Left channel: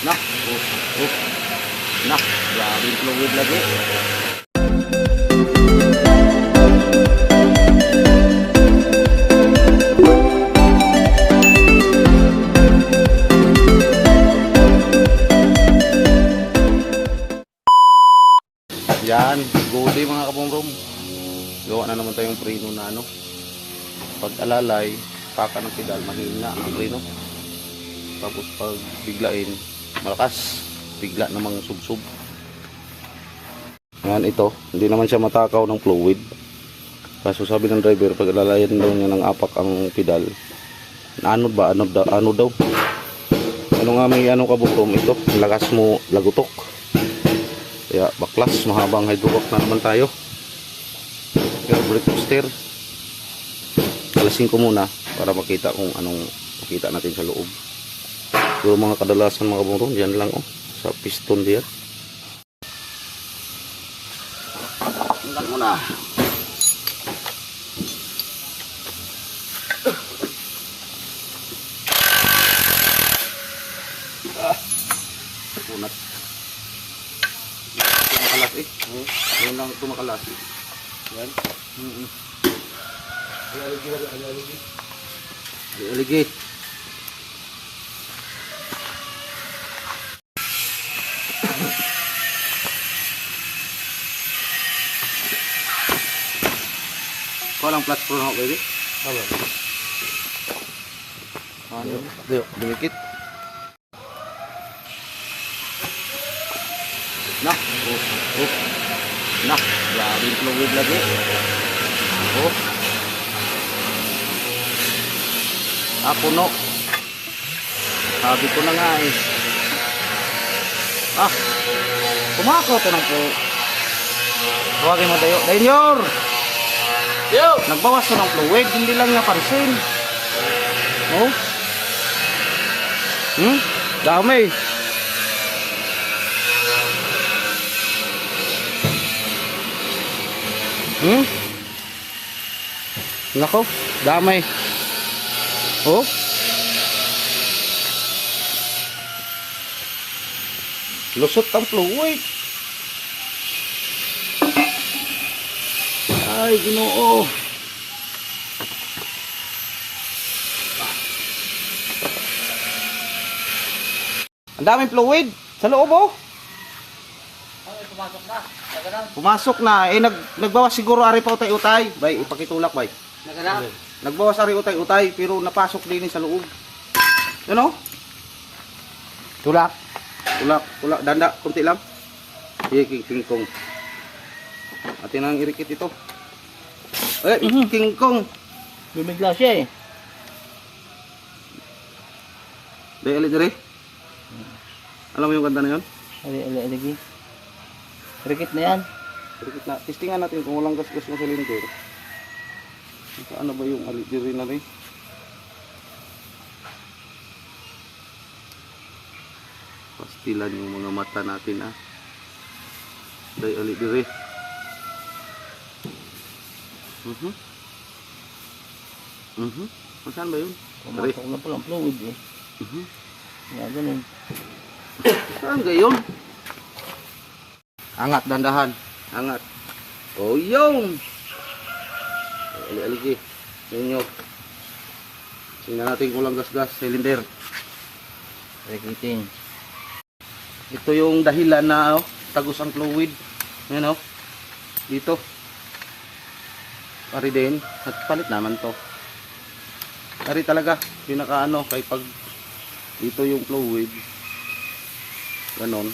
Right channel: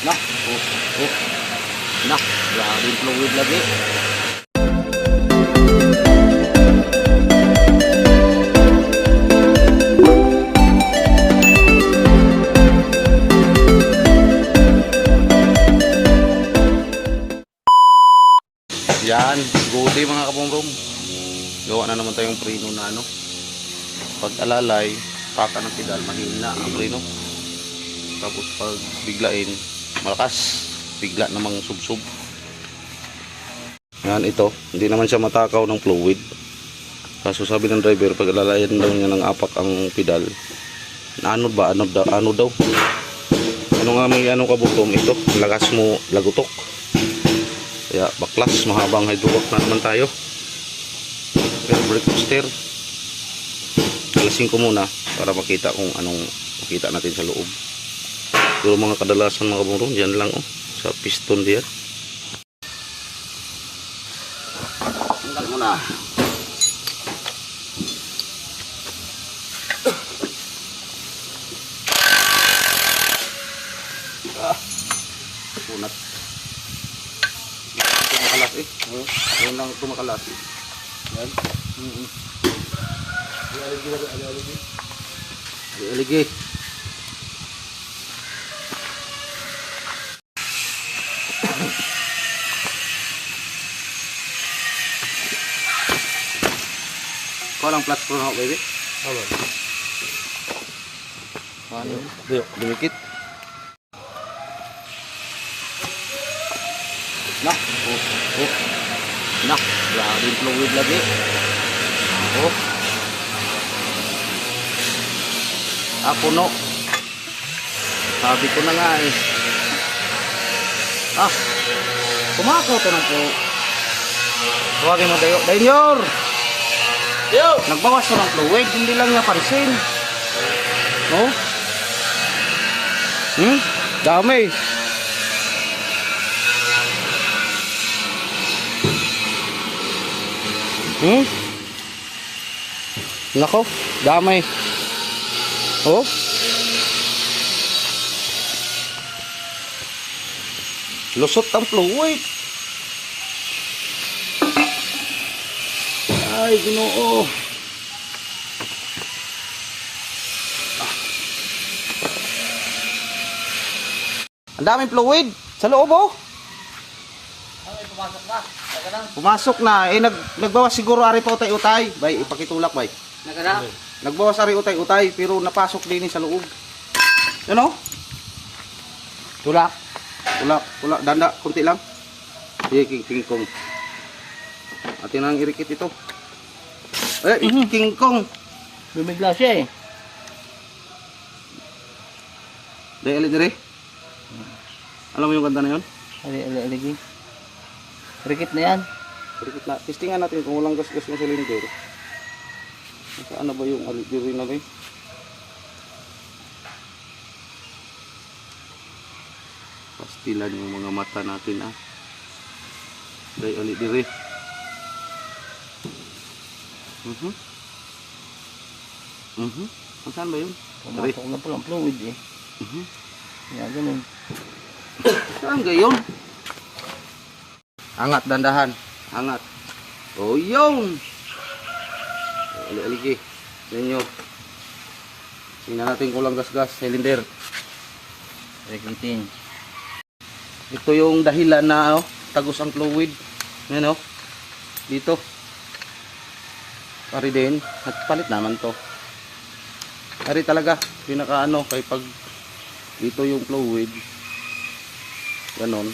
Na, oh, oh. Na, grabe yung fluid lagi. Yan, gode mga kabomrom. Gawa na naman tayong preno na ano. Pag alalay, paka ng pedal, mahina ang preno. Tapos pag biglain, malakas. Bigla namang subsub. Yan ito, hindi naman siya matakaw ng fluid. Kaso sabi ng driver, pag alalayan daw niya ng apak ang pedal, anod ba? Anod, daw- ano daw? Ano nga may ano kabuktom ito? Lakas mo lagutok. Kaya baklas, mahabang hydrovac na naman tayo. Pero brake booster. Alasin ko muna para makita kung anong makita natin sa loob. Pero mga kadalasan mga kabungrong, dyan lang oh. Sa piston diyan. Tanggal mo na. Ah, punat. Tumakalas eh. Ngayon lang tumakalas. Yan. Mm -hmm. Aligi. Kau lang plus pro na baby. Tama. Ano? Diyo, dumikit. Nah, oh, oh. Nah, grabe yung fluid lagi. Oh. Ah, puno. Sabi ko na nga eh. Ah, kumakaw to ng po. Tawagin mo dayo. Dayor! Yo! Nagbawas to ng fluid, hindi lang niya pansin. Oh? Hmm? Dami. Hmm? Nako, dami. Oh? Lusot ang fluid. Ay, ginoo. Ang daming fluid sa loob oh. Ay, pumasok na. Nagalang. Pumasok na. Eh, nag, nagbawas siguro ari pa utay-utay. Bay, ipakitulak bay. Nagalang. Nagbawas ari utay-utay pero napasok din sa loob. Ano? Tulak. Tulak, tulak, danda, kunti lang. Sige, king, king kong. Atin ang irikit ito. Eh, king kong. Bumigla siya eh. Dahil alit dire. Alam mo yung kanta na yun? Ali, ali, aligi. Rikit na yan. Irikit na. Testingan natin kung walang gas-gas yung cylinder. Saan na ba yung alit dire na rin? Pastilan yung mga mata natin ah. Dahil alit dire. Mhm. Mhm. Saan ba yun? Pumasok na pala ang fluid eh. Mhm. Kaya ganun. Saan gayon? Angat dandahan. Angat. Oh, yung. Ali-aligi. Ninyo. Tingnan natin kung lang gas-gas. Cylinder. Rikitin. Ito yung dahilan na oh, tagos ang fluid. Ngayon oh. Dito. Pari din. At palit naman to. Pari talaga. Pinaka ano. Kay pag dito yung fluid. Ganon.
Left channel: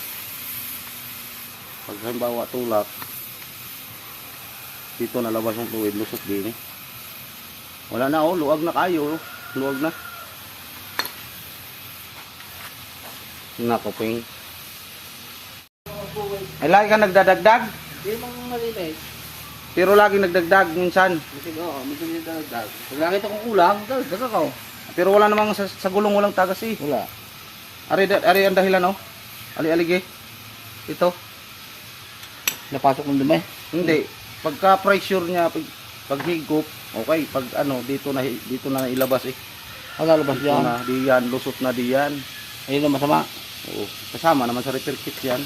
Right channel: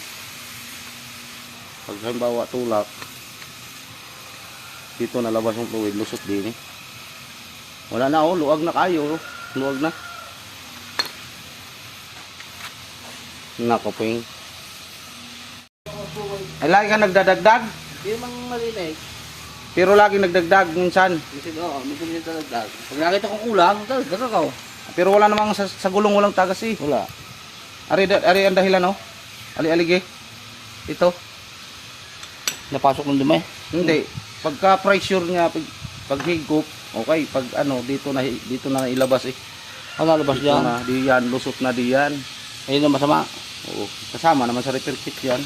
Pag halimbawa tulak. Dito nalabas yung fluid. Lusot din eh. Wala na oh. Luwag na kayo. oh. Luwag na. Nako po ay lagi ka nagdadagdag, Hindi mang malinis. Pero lagi nagdagdag minsan. Kasi oo, medyo medyo talagdag. Pag nakita kong kulang, talagdag ako. Pero wala namang sa, sa gulong walang tagas eh. Wala. Ari, ari ang dahilan no? Ali alige. Ito. Napasok ng dumi. Hindi. Pagka pressure niya pag, pag higop, okay, pag ano dito na dito na ilabas eh. Ang lalabas Dito yan. na diyan, lusot na diyan. Ayun ang masama. Oo, kasama naman sa repair kit yan.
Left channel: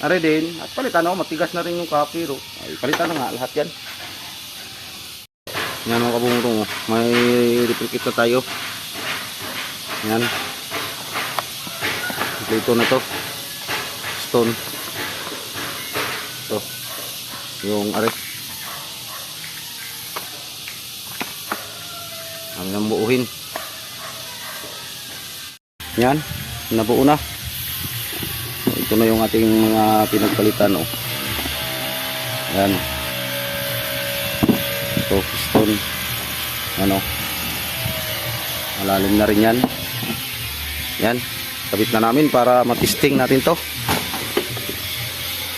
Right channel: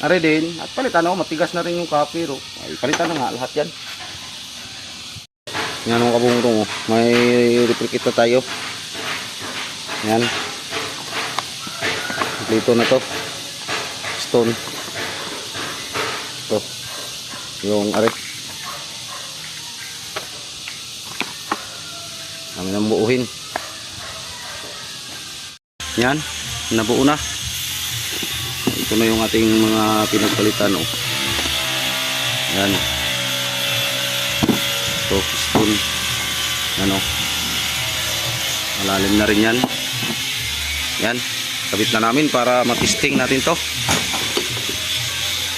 Are din, at palitan ako, matigas na rin yung kapiro. Ay, palitan na nga lahat yan. Yan mga kabungtong, oh. may kit na tayo. Yan. Dito na to. Stone. To. Yung are. Kami nang buuhin. Yan. Nabuo na. Ito na yung ating mga pinagpalitan. Oh. Yan. Ito. Stone. Ano. Malalim na rin yan. Yan. Kabit na namin para matisting natin to.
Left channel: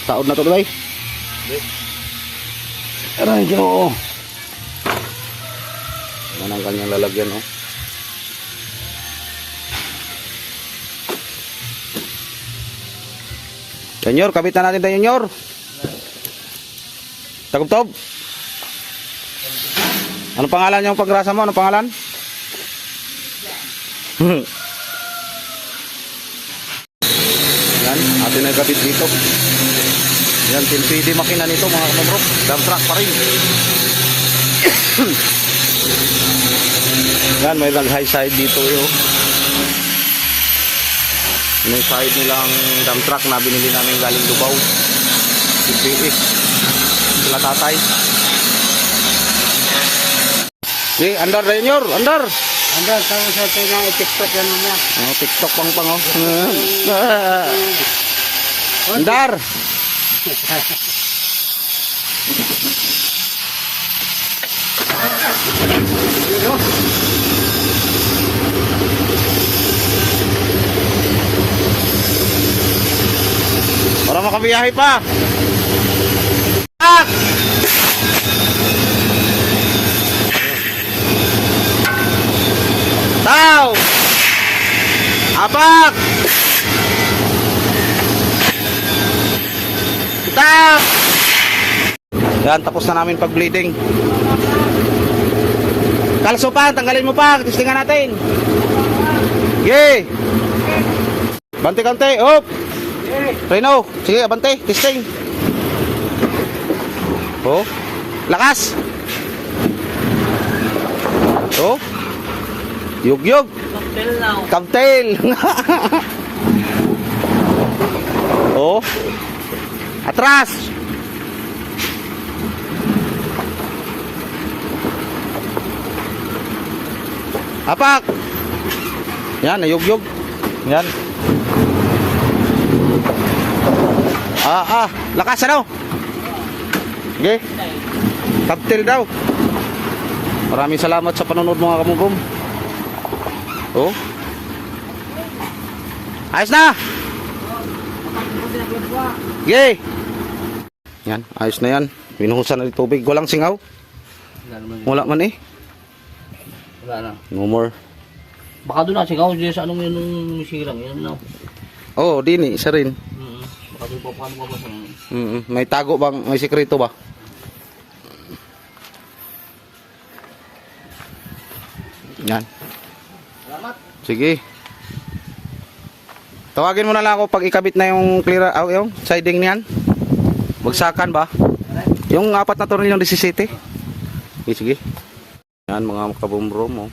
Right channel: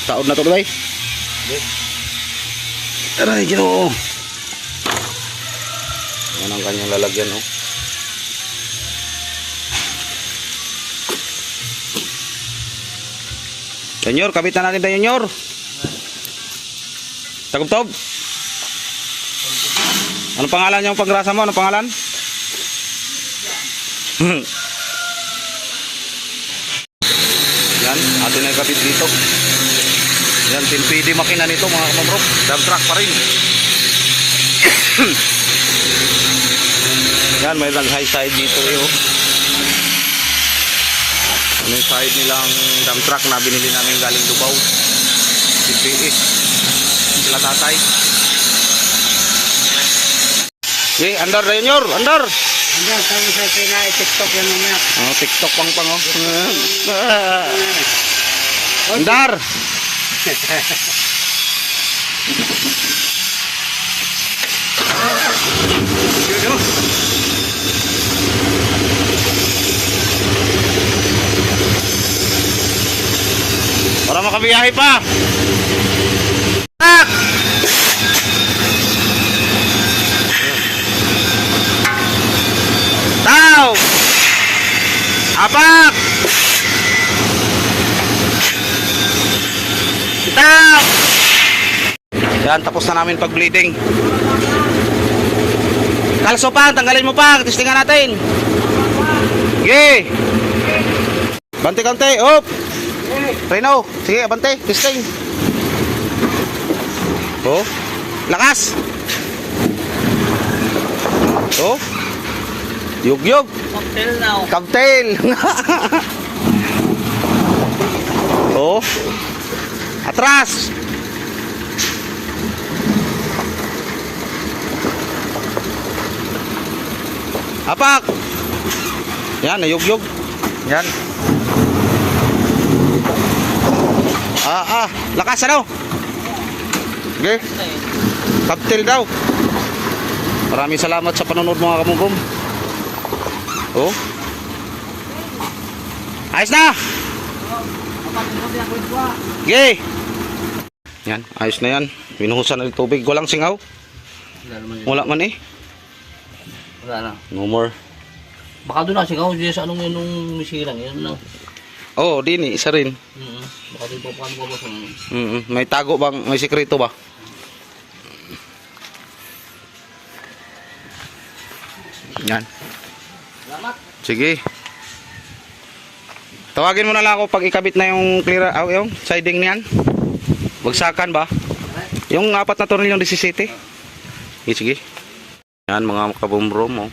Taod na to, bay. Aray, ginoo. Yan ang kanyang lalagyan, oh. Senyor, kabit na natin tayo, senyor. Tagob-tob. Ano pangalan yung pagrasa mo? Ano pangalan? Yan, atin na yung kabit dito. Yan, 10 PD makina nito mga kamamro. Dump truck pa rin. Yan, may lang high side dito yun. Ano yung side nilang dump truck na binili namin galing Dubaw. CPS. Sila tatay. Okay, andar na yun, Yor. Andar. Hanggang sa sa China, i-tiktok yan mamaya. Oh, TikTok pang pang oh. Andar. Para makabiyahe pa. Tak! Tao! Apak! Tao! Yan, tapos na namin pag-bleeding. Kalso pa, tanggalin mo pa, testingan natin. Sige. Bante kante, op. Reno, sige, abante, testing. Oh, lakas. Oh. Yug yug. Cocktail now. Cocktail. oh. Atras. Apak. Yan, nayugyog. Yan. Ah, ah. Lakas ano? Okay. Cocktail daw. Maraming salamat sa panonood mga kamugom. Oh. Ayos na. Yay. Yan, ayos na yan. Minuhusan na yung tubig. Walang singaw. Wala man eh. Wala na. No more. Baka doon na, sigaw dyan sa anong yun nung nisilang. Yun no. Oh, dini, isa rin. Mm Baka pa paano ba ba sa... Mm May tago bang, may sekreto ba? Yan. Salamat. Sige. Tawagin mo na lang ako pag ikabit na yung clear ah, yung siding niyan. Bagsakan ba? Yung apat na tornilyo ng 17. Sige, sige. Yan mga kabumrom oh.